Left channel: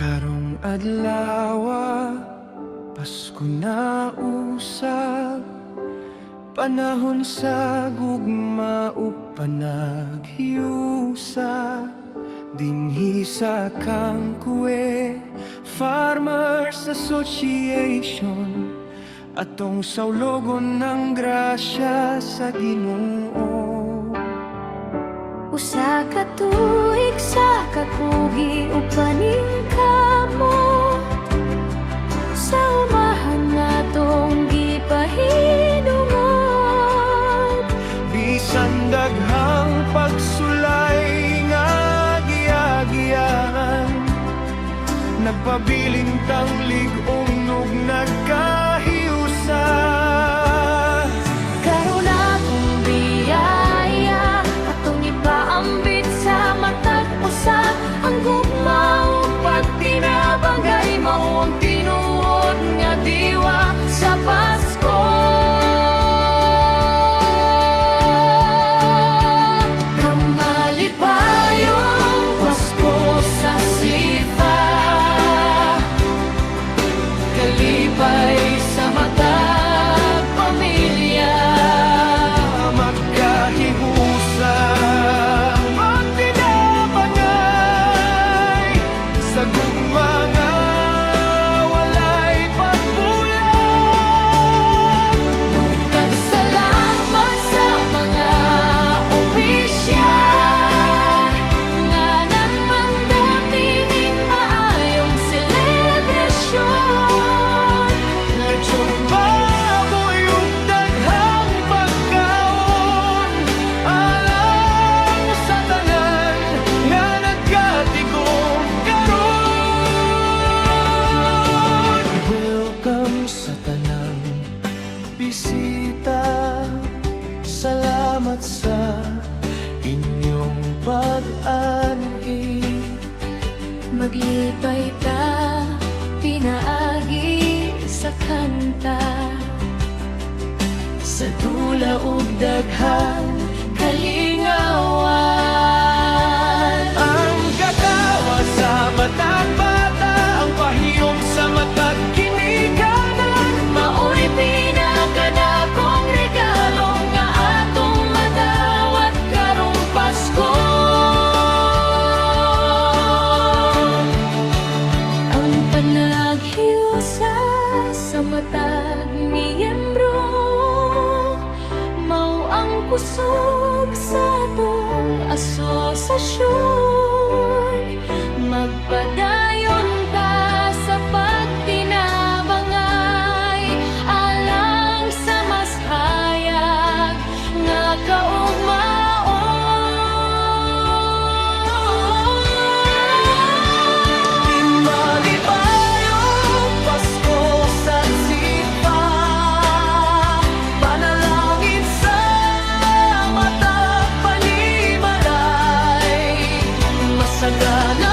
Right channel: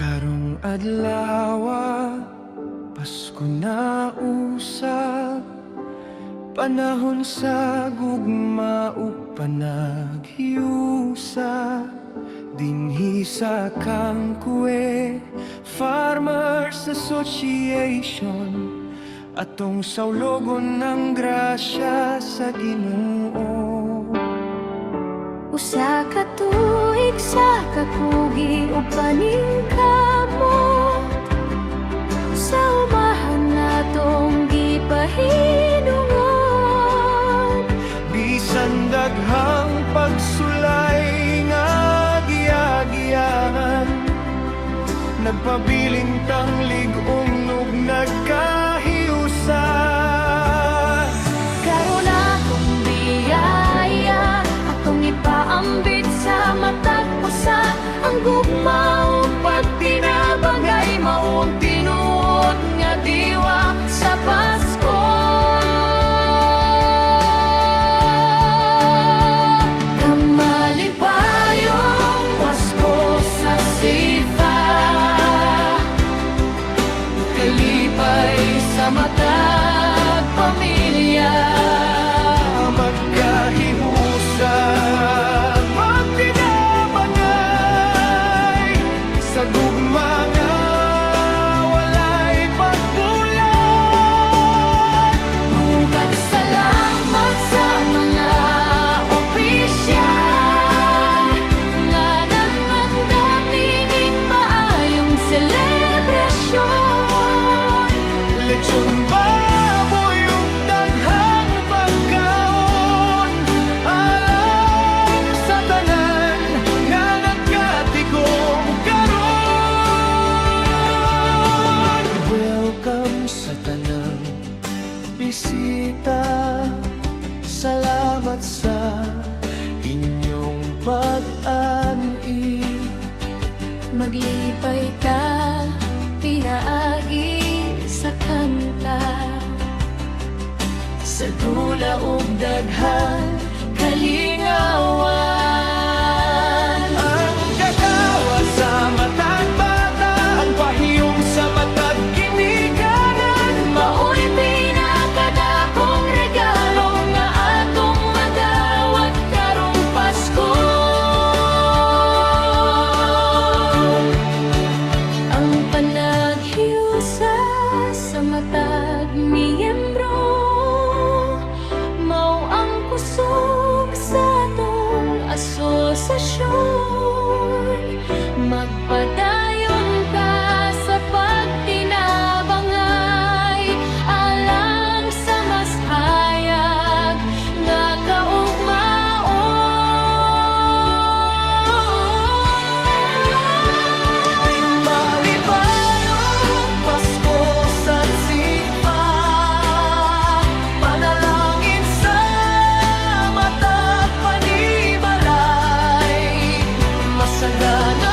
Karong adlaw, Pasko na usab, panahon sa gugma ug panaghiusa. Dinhi sa Kangkue Farmers Association, atong saulogon ng grasya sa Ginoo. Usa ka tuig sa kakugi ug paningkamo, sa umahan natong gipahinungon. Bisan daghang pagsulay nga giyagiyan, nagpabilin tanglig umnog nagkahiusa. Karon atong biyaya, atong ipaambit sa matag usa. Ang gugma ug pagtinabangay mao ang tinuod nga diwa sa Pasko. Kamalipayong Pasko sa sipa, kalipay sa matag pamilya, Magkahihusa, magtinabangay sa gugma nga walay pagbulag. Tugat salamat sa mga opisyal nga nagmandam nining maayong selebrasyon. Lechon baboy ug daghang pagkaon, alang sa tanan nga nagkatigom karon. Welcome sa tanang bisita, salamat sa inyong pag-ani. Maglipay ta, pinaagi sa kanta, Sa dula ug daghang kalingawan. Ang katawa sa matag bata, ang pahiyom sa matag ginikanan. mao'y pinakadakong regalo nga atong madawat karong Pasko. Ang panaghiusa sa matag miyembro, mao ang kusog sa atong asosasyon. Magpadayon ta sa pagtinabangay, alang sa mas hayag nga kaugmaon. Malibayong Pasko sa sipa, panalangin sa matag panimalay, masagana